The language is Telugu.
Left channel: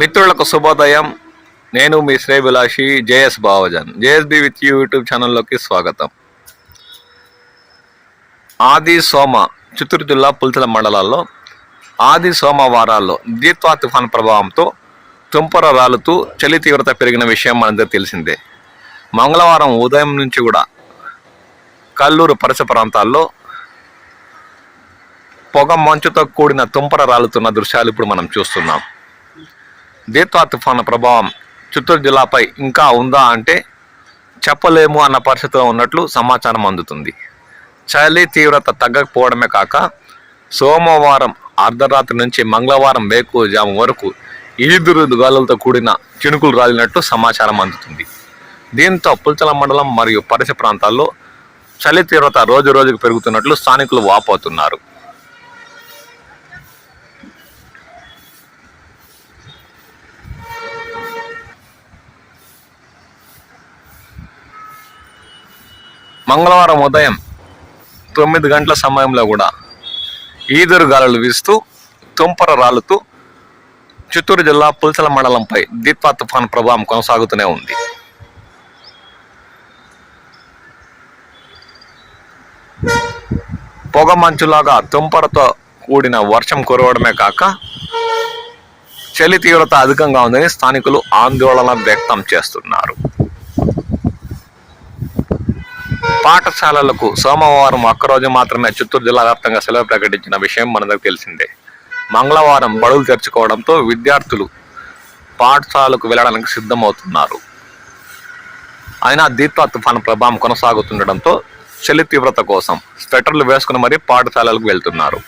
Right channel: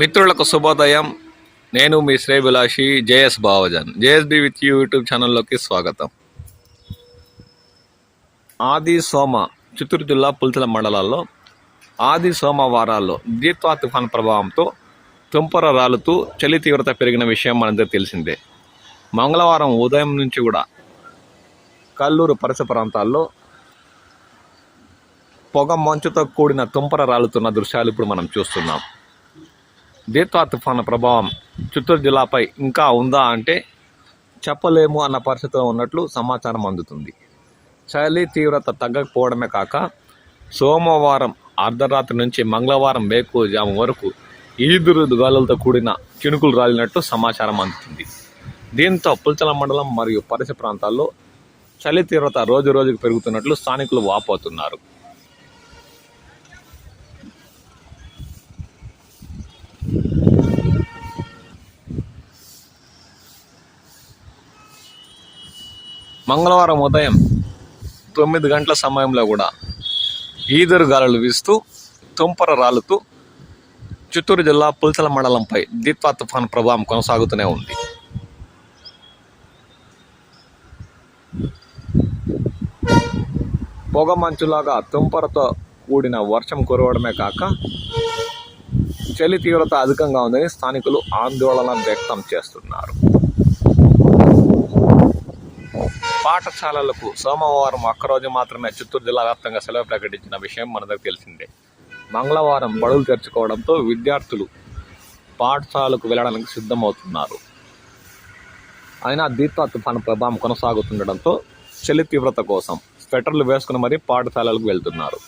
మిత్రులకు శుభోదయం. నేను మీ శ్రేభిలాషి JS Bavajan JSB with you YouTube ఛానల్లోకి స్వాగతం. ఆది సోమ చిత్తూరు జిల్లా పులిచల మండలాల్లో ఆది సోమవారాల్లో దీత్వా తుఫాన్ ప్రభావంతో తుంపర రాలుతూ చలి తీవ్రత పెరిగిన విషయం మనందరికీ తెలిసిందే. మంగళవారం ఉదయం నుంచి కూడా కల్లూరు పరిసర ప్రాంతాల్లో పొగ మంచుతో కూడిన తుంపర రాలుతున్న దృశ్యాలు ఇప్పుడు మనం చూస్తున్నాం. దీత్వా తుఫాను ప్రభావం చిత్తూరు జిల్లాపై ఇంకా ఉందా అంటే చెప్పలేము అన్న పరిస్థితిలో ఉన్నట్లు సమాచారం అందుతుంది. చలి తీవ్రత తగ్గకపోవడమే కాక సోమవారం అర్ధరాత్రి నుంచి మంగళవారం వేకువజాము వరకు ఈదురు గాలులతో కూడిన చినుకులు రాలినట్లు సమాచారం అందుతుంది. దీంతో పుల్చల మండలం మరియు పరిసర ప్రాంతాల్లో చలి తీవ్రత రోజు రోజుకు పెరుగుతున్నట్లు స్థానికులు వాపోతున్నారు. మంగళవారం ఉదయం తొమ్మిది గంటల సమయంలో కూడా ఈదురు గాలులు వీస్తూ తుంపర రాలుతూ చిత్తూరు జిల్లా పుల్చల మండలంపై దీత్వా తుఫాన్ ప్రభావం కొనసాగుతూనే ఉంది. పొగ మంచులాగా తుంపరతో కూడిన వర్షం కురవడమే కాక చలి తీవ్రత అధికంగా ఉందని స్థానికులు ఆందోళన వ్యక్తం చేస్తున్నారు. పాఠశాలలకు సోమవారం ఒక్కరోజు మాత్రమే చిత్తూరు జిల్లా వ్యాప్తంగా సెలవు ప్రకటించిన విషయం మనందరికి తెలిసిందే. మంగళవారం బడులు తెరుచుకోవడంతో విద్యార్థులు పాఠశాలకు వెళ్ళడానికి సిద్ధమవుతున్నారు. అయినా దీత్వా తుఫాను ప్రభావం కొనసాగుతుండటంతో చలి తీవ్రత కోసం స్వెటర్లు వేసుకుని మరీ పాఠశాలలకు వెళ్తున్నారు.